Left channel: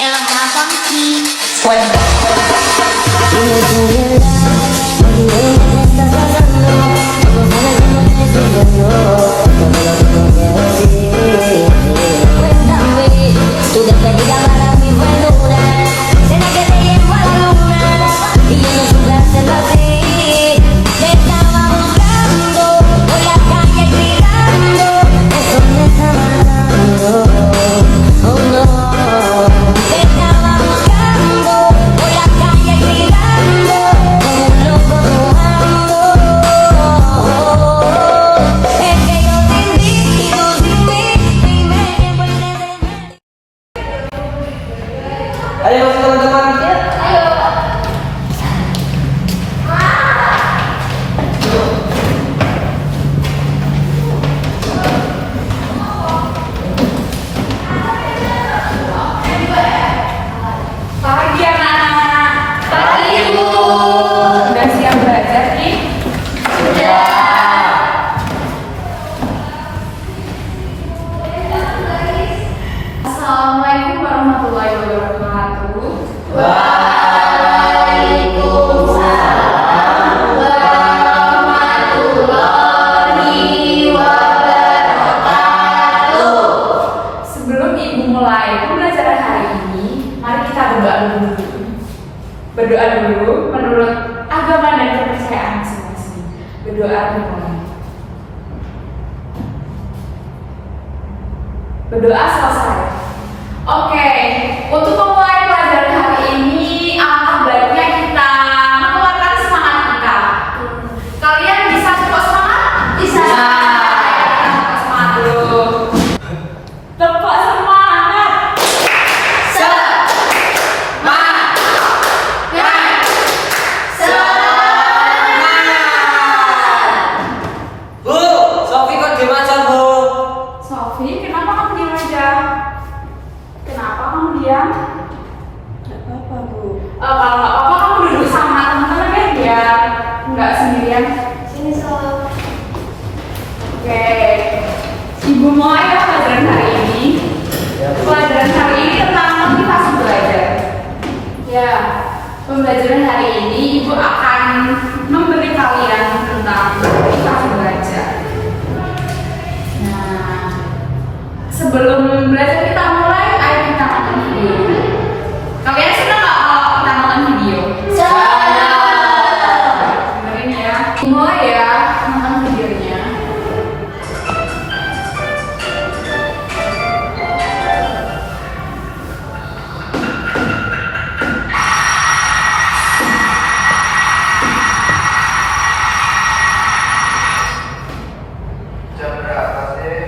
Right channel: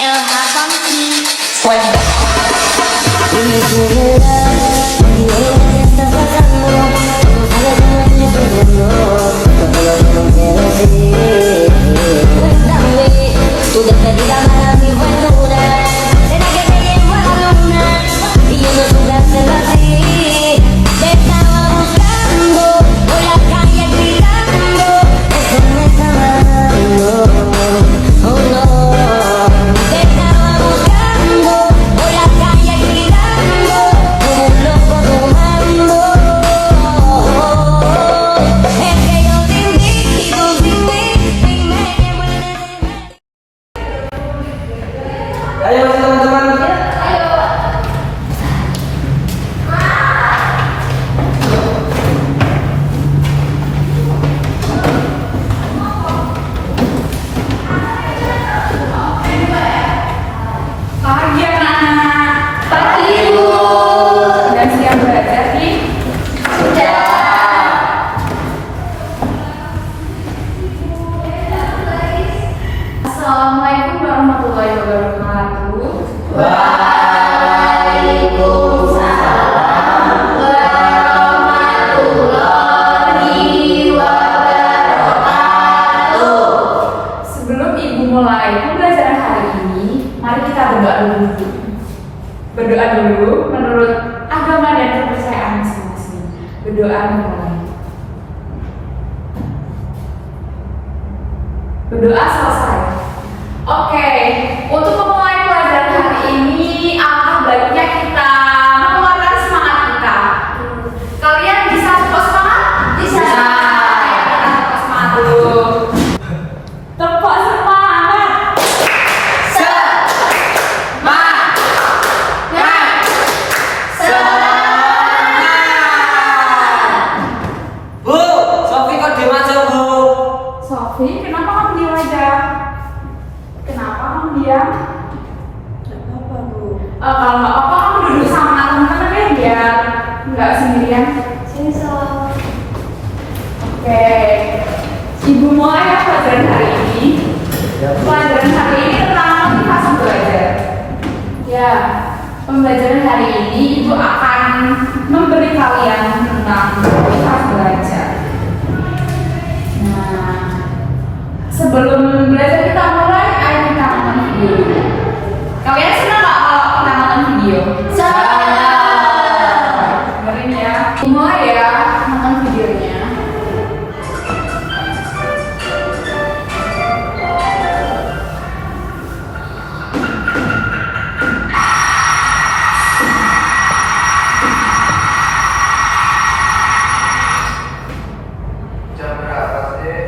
LH Funky. Dime tu verdad, porque hoy me estás pasando. No sabes cómo estoy sufriendo, todo lo tengo que decir. Cuéntame, tu despedida para mí fue dura. ¿Será que te llevo a la luna? Y yo no supe hacerlo así. Te estaba buscando por la calle gritando. Eso me está matando. Oh no. Te estaba buscando por la calle gritando como un loco tomando. Es que yo sin ti y tú sin mí y me llevo el deber. Ayo masih teman-teman. Pagi anak-anak, pagi ibu. Udah siap belajar nih? Sudah. Assalamualaikum warahmatullahi wabarakatuh. Waalaikumsalam warahmatullahi wabarakatuh. Sebelum ibu mulai pembelajaran hari ini, mari kita berdoa dulu. Berdoa dulu menurut agama dan kepercayaan masing-masing. Berdoa mulai. Berdoa selesai. Oke, untuk memulai pelajaran hari ini, alangkah baiknya kita mengeluarkan semangat kita. Kalian bisa tepuk semangat? Bisa. Kita tepuk semangat dulu. Tepuk semangat. Bu, Sofi kok diem aja, Bu? Sofi, kenapa kamu diam aja? Kenapa kamu diam? Gak apa-apa, Bu. Kalau nggak apa-apa kamu duduk sama teman-teman ya, biar nggak sendirian. Sini Sof. Oke, ibu mulai ya pelajaran hari ini. Pelajaran hari ini tentang motivasi belajar. Ya, pembelajaran hari ini ibu akan memberi kalian tentang motivasi belajar. Nah, sebelum belajar kita mulai, ayo kita nonton video dulu. Kalian senang nggak kalau kita nonton video? Dengerin ya. Mulai ya, nonton videonya. Jam berapa sih?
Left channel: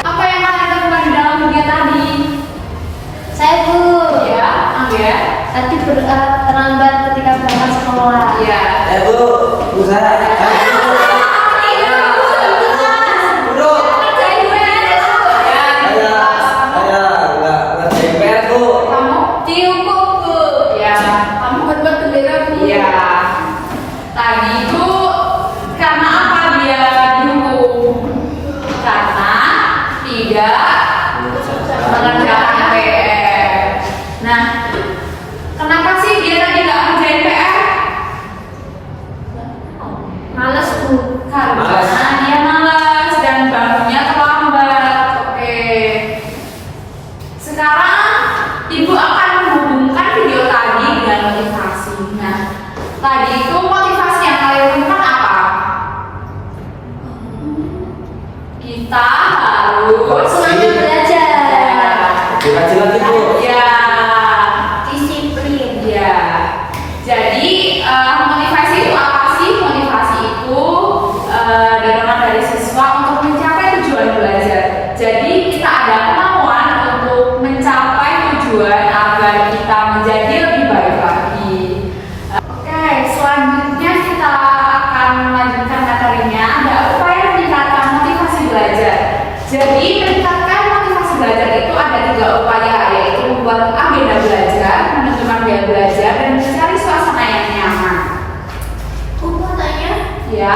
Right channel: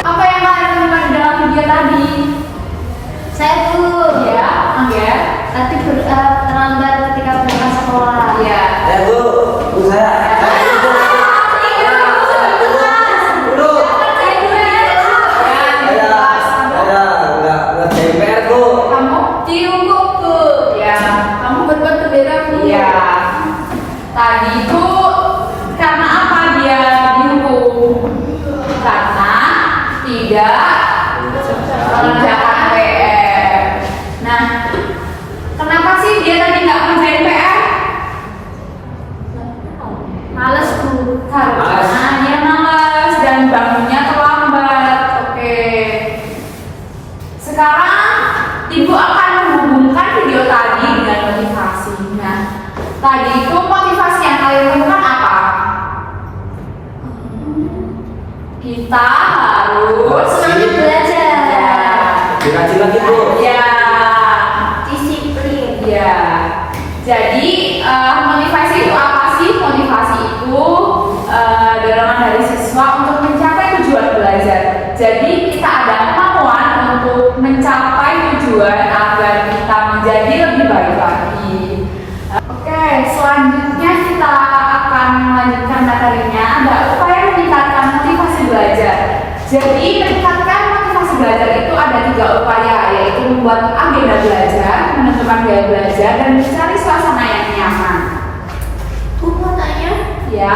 Apa yang kalian temukan di dalam video tadi? Saya Bu. Ya, ya, Tadi terlambat ketika berangkat sekolah. ya. Bu, Bu saya. Duduk. Enggak DPR, Bu. Kamu cium buku. Ya, kamu berbuat bendera Bu. Ya. Tadi Bu, karena apa dia dihukum? Karena tidak mengerjakan PR. Nah, kenapa sih dia tadi nggak ngerjain PR? Males Bu. Karena dia malas dan bangunnya terlambat. Oke. Sekarang ibu akan menghubungkan video tadi dengan motivasi. Nah, tadi itu motivasi yang kalian temukan apa? Kita harus Semangat belajar. Dikaji lagi, Bu. Ya, Disiplin. ya. Jadi itu apa sih? Motivasi itu dorongan dari siswa untuk mencapai tujuan belajar. Jadi kita ada kemauan untuk mencapai tujuan agar kita menjadi lebih baik lagi. Oke, selanjutnya kita akan melanjutkan materinya. Ada upaya meningkatkan motivasi belajar. Jadi meningkatkan motivasi belajar itu ada 3 upaya, yaitu membuat agenda belajar, menentukan gaya belajar, dan mencari suasana yang nyaman. Aku mau tanya, Ya,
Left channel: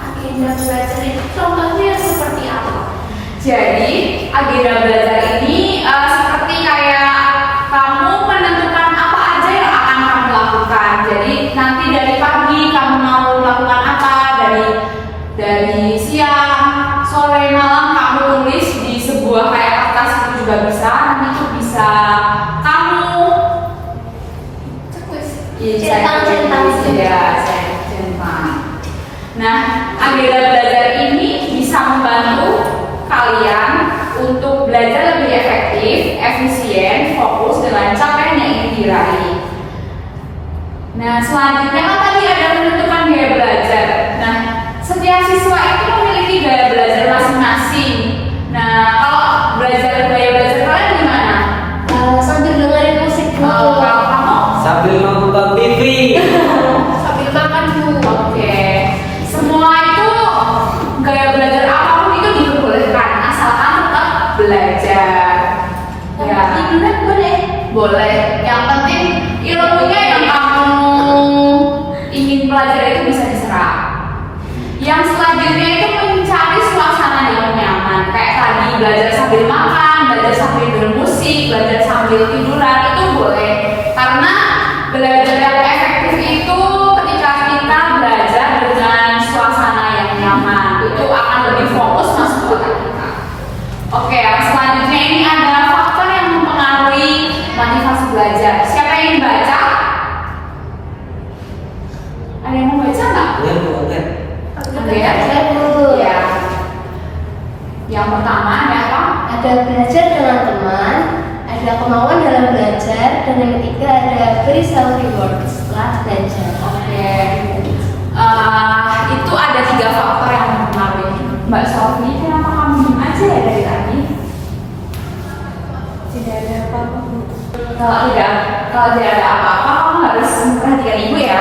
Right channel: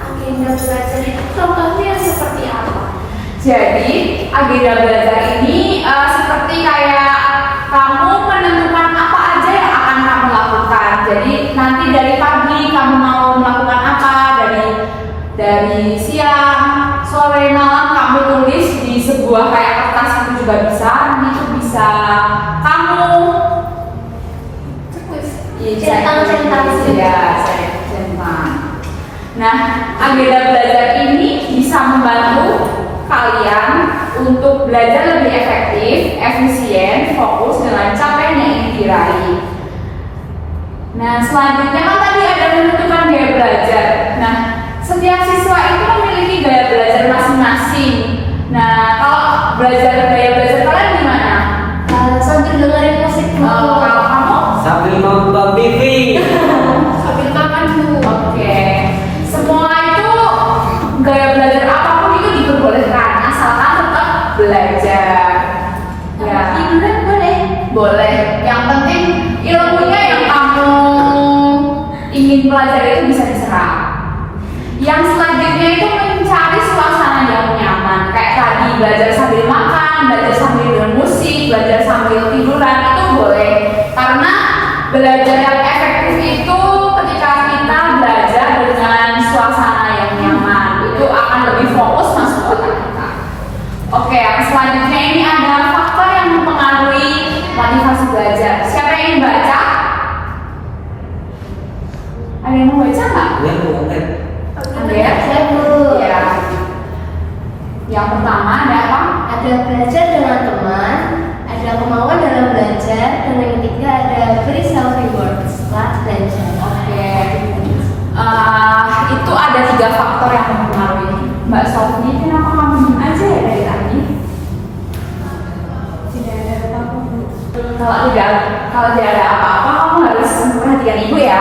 agenda belajar itu contohnya seperti apa? jadi agenda belajar ini seperti kayak kamu menentukan apa aja yang akan kamu lakukan. Jadi nanti dari pagi kamu mau melakukan apa, dari siang, sore, malam kamu tulis di sebuah kayak kertas itu juga bisa. Nanti itu bisa kamu Centang-centang centang. Nah, agenda belajar ini bisa membantu kalian untuk belajar lebih efektif, efisien, fokus dengan capaian yang ingin diraih. Nah, selanjutnya kan tadi ada menentukan gaya belajar. Nah, setiap siswa itu memiliki gaya belajar masing-masing. Nah, kalau gaya belajar kalian gimana? Sambil dengerin musik dulu. Kalau kamu? Sambil nonton TV. Sambil makan dulu. Oke. Semua itu gaya belajar apapun itu diperbolehkan, asalkan tetap belajar. Ya. Tiduran boleh. Boleh. Yang penting ilmunya yang kamu ingin pelajari itu bisa diserap. Yang selanjutnya itu mencari suasana yang nyaman. Kayak tadi belajar sambil makan, belajar sambil dengar musik, belajar sambil tiduran itu boleh. Karena belajar yang efektif itu ketika kita belajar dengan suasana yang nyaman, itu akan lebih fokus masuk ke otak kita. Oke, yang selanjutnya ini ada faktor yang mempengaruhi motivasi belajar. Siapa yang ingin baca? Ada yang mau baca nggak? Ini bukan. Oke, ya. Yang pertama ada apa? Ada belajar dengan teman, ada kemauan dalam belajar, dan yang ketiga ada beri self reward setelah belajar. Oke. Itu ada 3 faktor yang mempengaruhi. Mbak Sofi, kenapa kamu diem aja ya dari tadi? Tidak ada apa-apa. Kalau tidak ada apa-apa, kamu harus memperhatikan ibu ya,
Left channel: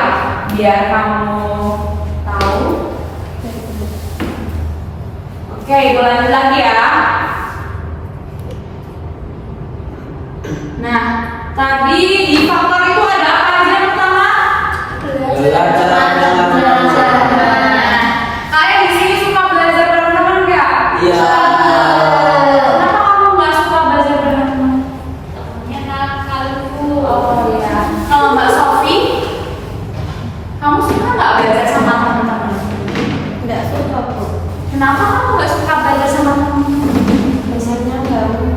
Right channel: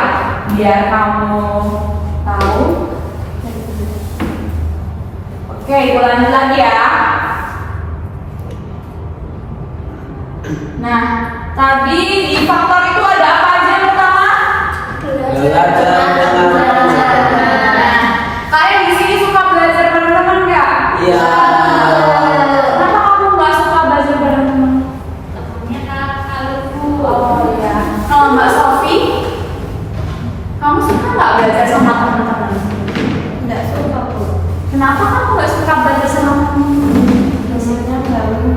biar kamu tahu. Oke, ibu lanjut lagi ya. Nah, tadi di faktor itu ada apa aja yang pertama? Belajar dengan Nah, kalian di sini suka belajar bareng teman nggak? Iya. Kenapa kamu nggak suka belajar bareng teman? Oh ya. Kalau Mbak Sofi, kamu suka nggak belajar sama teman-teman? Tidak suka, Bu. Kenapa kamu nggak suka belajar sama teman-teman? Biasanya ganggu.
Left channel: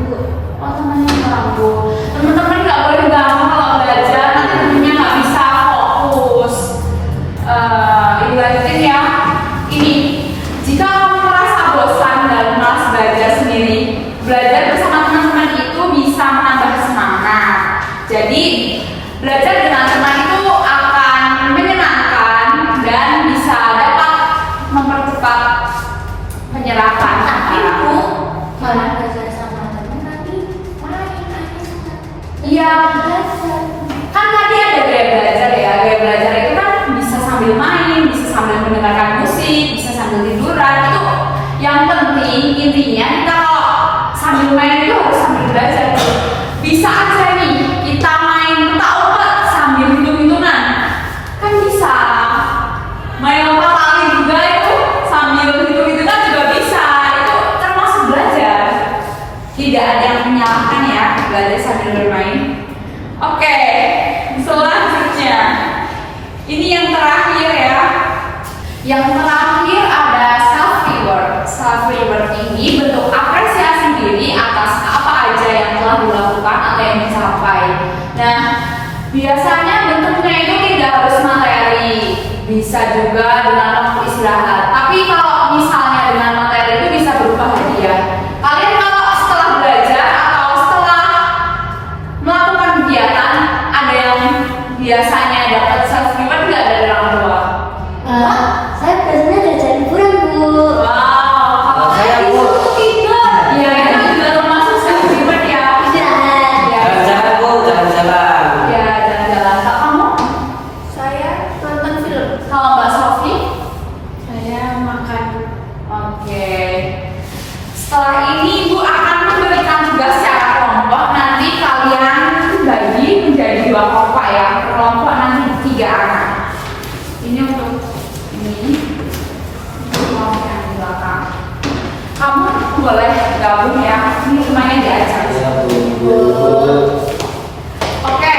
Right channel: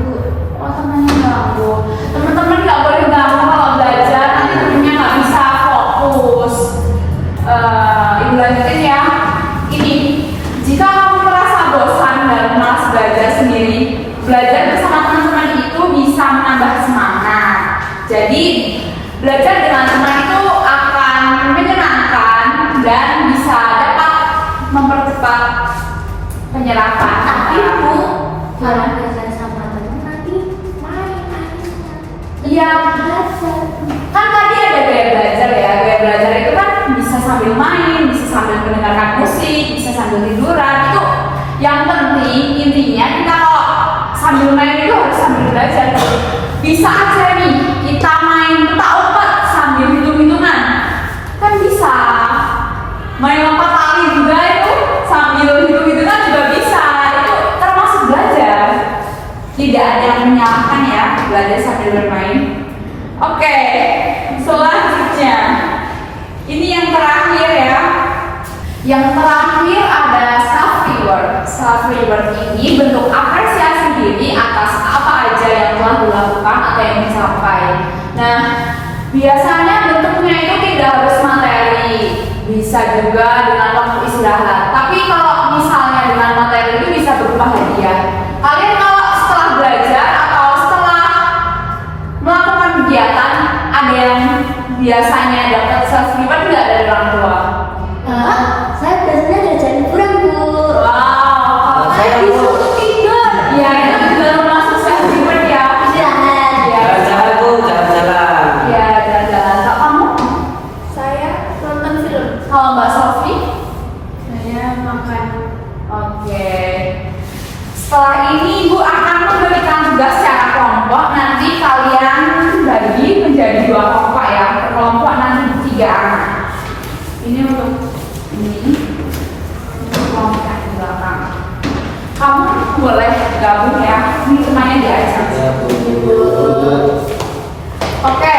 Oh, temannya ganggu. Teman-teman nggak boleh ganggu kalau belajar, nanti temennya nggak bisa fokus. Ibu lanjutin ya. Ini, jika kamu merasa bosan dan malas belajar sendiri, belajar bersama teman-teman itu bisa menambah semangat. Jadi, belajar dengan teman itu akan menyenangkan dan bisa dapat mempercepat penyerapan. Tapi Bu, kalau belajar sama teman nanti main. Iya, kan tadi ada gaya belajar ya. Gaya belajar itu kan bisa sambil main, bisa sambil mendengarkan musik, bisa sambil tiduran. Itu yang penting intinya kita kalau sambil main itu harus sambil belajar. Bisa aja nih kita main petak umpet sambil hitung-hitungan, kan bisa. Main lompat tali juga itu sambil hitung-hitungan juga bisa. Itu termasuk belajar. Tidak ada yang menyalahkan ya belajar sambil bermain. Oke, selanjutnya ini yang terakhir ya. Yang terakhir ada self reward. Self reward ini bentuk apresiasi diri atas apa aja yang telah dilakukan atau yang dicapai. Nah, biasanya bentuknya itu tidak harus materi, bisa juga dengan waktu istirahat. Tapi kalau misalnya dengan materi itu bisa berupa hadiah. Kalian kalau setelah belajar atau setelah melakukan kegiatan, ada yang biasanya dapat dapat self reward nggak dari orang tua? Saya biasanya diajarin liburan, Bu. Wow, kalau saya saya disuruh tidur. Ya, itu baru masuk self reward ya. Istirahat. Ya, Jalan-jalan bu, jalan-jalan. ya jalan-jalan. Kak, kamu? Saya nonton film. Kalau Mbak Sofi? Saya makan. Oke. Setelah ini Ibu akan memberikan tugas secara kelompok. Nanti kalian bagi menjadi 2 kelompok ya. Per kelompok nanti 3 anak. Ini untuk ini. Untuk kelompok yang di belakang. Kamu boleh gabung ya. Ini semuanya diajak. Ya bu. Oke.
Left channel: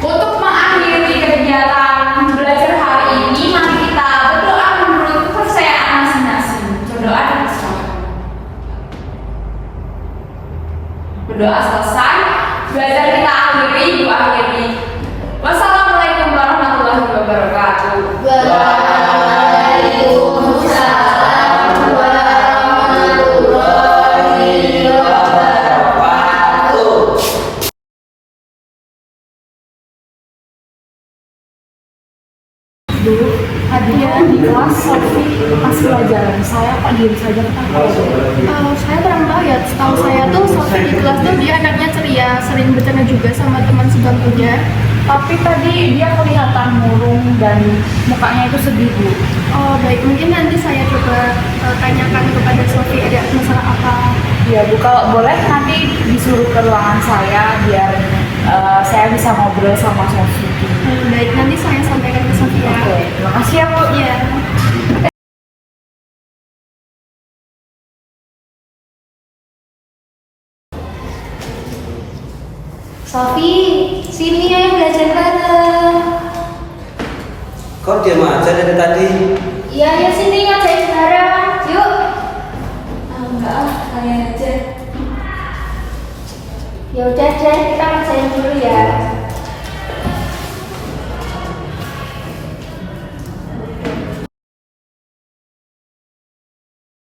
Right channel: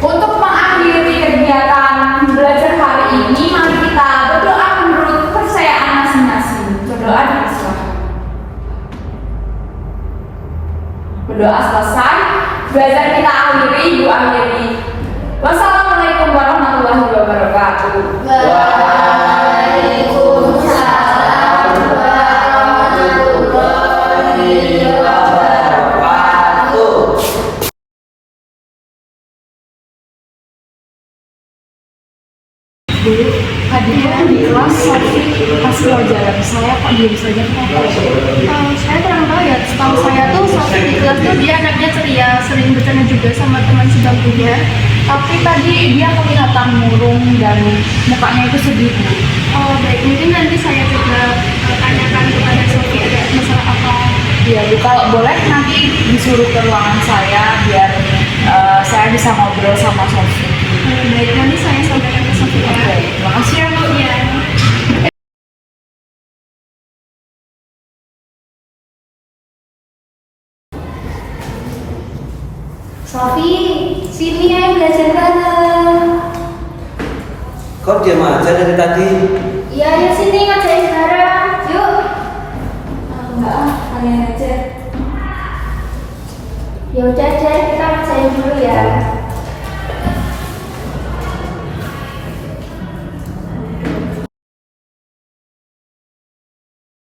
Untuk mengakhiri kegiatan belajar hari ini, mari kita berdoa menurut kepercayaan masing-masing. Berdoa dan berserah. Berdoa selesai, belajar kita akhiri, Ibu akhiri. Wassalamualaikum warahmatullahi wabarakatuh. Waalaikumsalam warahmatullahi wabarakatuh. Bu, tadi di kelas Sofi pas pelajaran saya kok diem saja kenapa ya? Saya kurang tahu ya, setahu saya tuh Sofi di kelas tuh dia anaknya ceria, sering bercanda juga sama teman sebangkunya. Tapi tadi dia kelihatan murung dan mukanya itu sedih Bu. Oh baik, mungkin nanti saya coba tanyakan kepada Sofi ada masalah apa. Ya Bu, kalau boleh nanti disuruh ke ruangan saya biar saya bisa ngobrol sama Sofi. Baik, nanti saya sampaikan ke Sofi ya. Oke, terima kasih ya Bu. Iya. Sofi, sini ya belajar bareng. Kau diam aja dari tadi. Iya, ayo sini ngajain bareng. Yuk. Enggak, kalian aja. Ya udah deh, kita ngajain dulu ya.